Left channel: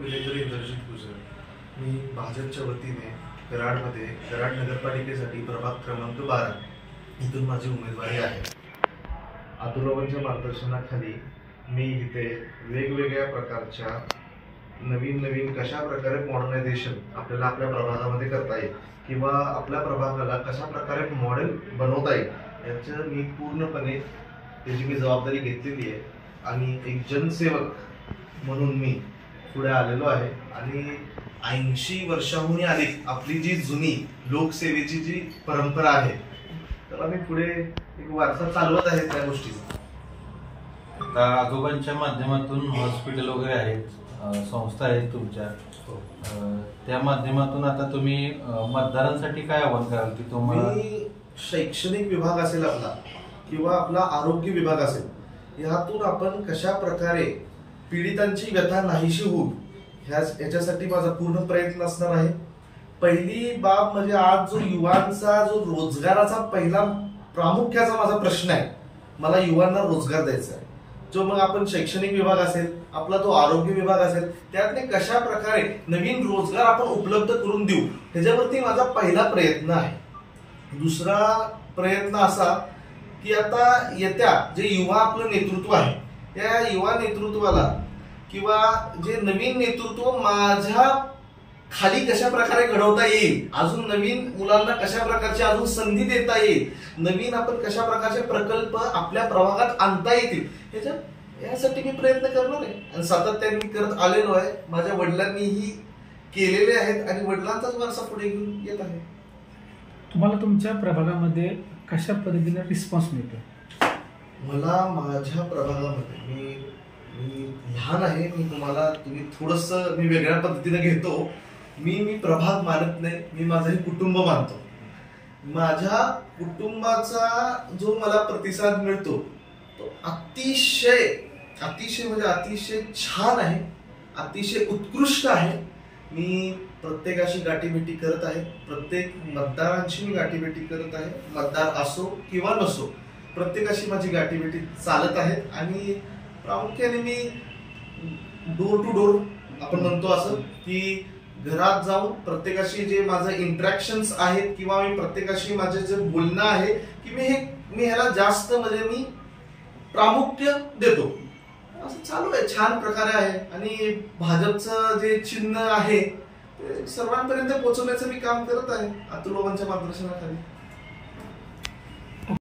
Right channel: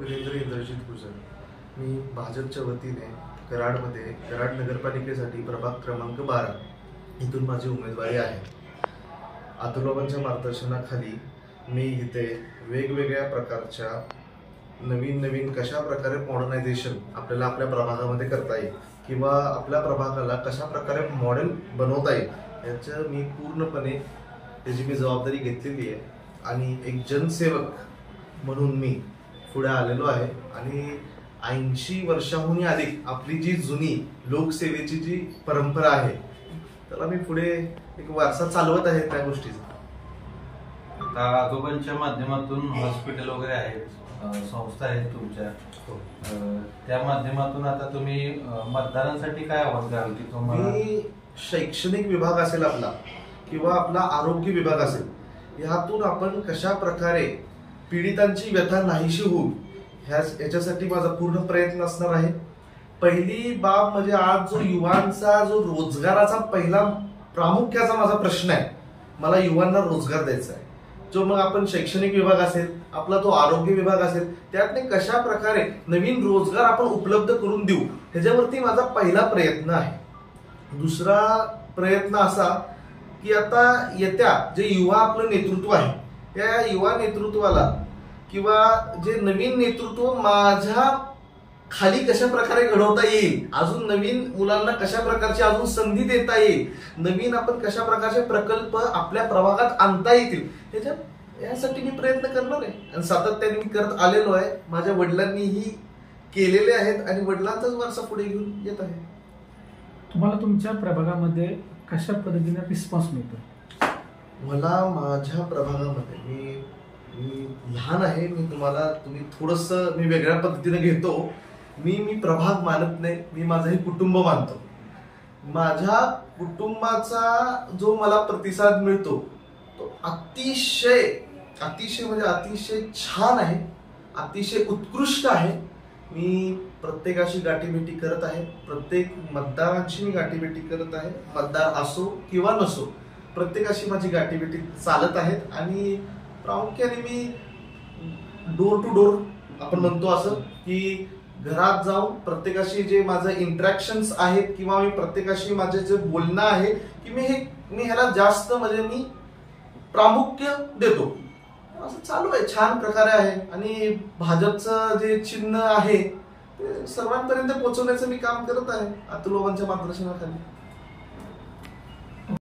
विलेंद्र इंद्रजित गुजर, मी भाजपच्या वतीने कराडमध्ये कराड नगरपालिकेसाठी प्रभाग क्रमांक 12 इथून माझी उमेदवारी आहे। अतुलबाबांच्या मार्गदर्शनाखाली मी इथे वेगवेगळ्या प्रकारच्या नवीन कशा प्रकारे मॉडर्नायझेशन आपल्याला आपल्या प्रभागामध्ये करता येईल किंवा आपल्या प्रभागाला कशा प्रकारे मॉडेल बनवता येईल याचं मी पूर्णपणे त्याची मी जबाबदारी घेतलेली आहे आणि एक जनसेवक म्हणून मी पुढे आलेलो आहे। आणि 80 वर्षांहून अधिक आपली जी जुनी लोकसेवेची जी परंपरा आहे तर आम्ही पुढे एक वारसा चालवत आहे त्या गोष्टीचा। आजोबांच्या माध्यमातून हॉस्पिटल वगैरे आहेत, संस्था आहेत तुमच्या, त्या माध्यमातून आता तुम्ही मतदारांसाठी काय आवाहन कराल की तुम्हाला शैक्षणिक विभाग असेल आपला किंवा आपला आरोग्य विभाग असेल, यातून आपण कशा प्रकारे पीडितांची व्यथा नाहीशी होईल याच्यासाठी माझा पूर्ण प्रयत्न असणार आहे। पहिली बाब म्हणजे आज जो युवांचा जो रोजगाराचा पहिला प्रामुख्याचा माझा प्रश्न आहे, मला युवांना रोजगार द्यायचा आहे। जो मग आपण शैक्षणिक विभाग असेल, आपला तो आरोग्य विभाग असेल, त्यातले कशा प्रकारे नवीन रोजगार आपण उपलब्ध करून देऊ ह्याच्यावरती माझा पहिला प्रयत्न आहे। दुसरा प्रयत्न असा की आता येत्या जे युवा आपलं नेतृत्व आहे त्या युवा नेतृत्वाला किंवा जे नवीन नेतृत्व माझ्या खाली कशा प्रकारे घडवता येईल, अजून नवीन मुलांना कशा प्रकारची अजून संधी देता येईल, नवीन आपण कशा प्रकारचे प्रकल्प आपल्या प्रभागात आणता येतील यासाठी मी प्रयत्न करणार आहे आणि सातत्याने करत आलेलो आहे। माझ्या वडिलांनीही केलेले आहेत आणि वडिलांचाच वारसा पुढे घेऊन येत आहे। तुम्हाला तुमच्या प्रभागामध्ये कशा पद्धतीने रिस्पॉन्स मिळतो? मला माझ्या प्रभागामध्ये मी लहान आहे, तुम्ही थोडंसं मी वेगळ्या पद्धतीने घेतो। मी प्रभाग मानत नाही, मी माझंही कुटुंब मानतो। माझ्या कुटुंबाचा जो मला प्रतिसाद मिळतो तो अतिशय म्हणजे अतिशय छान आहे, अतिशय उत्कृष्ट आहे। मी प्रत्येकाशी गाठीभेटी करत आहे, प्रत्येक मतदारांशी मी गाठीभेटी करत आहे, मतदार असो किंवा नसो प्रत्येकाशी माझी गाठीभेटी चालत आहेत आणि प्रामुख्याने मी डोर टू डोर आपण म्हणतो असं की घरात जाऊन प्रत्येकाशी जे माझं इंटरॅक्शन्स आहेत किंवा मी प्रत्येकाशी माझे जे बोलणं आहे की मी ह्याला जास्त म्हणजे मी प्रामुख्य देतो। असं चालू आहे, छान प्रकारे आहे आणि भाजपचं जे चिन्ह आहे ते सर्वांपर्यंत पोहोचवण्याचं मी काम करत आहे अतुलबाबांच्या मार्गदर्शनाखाली।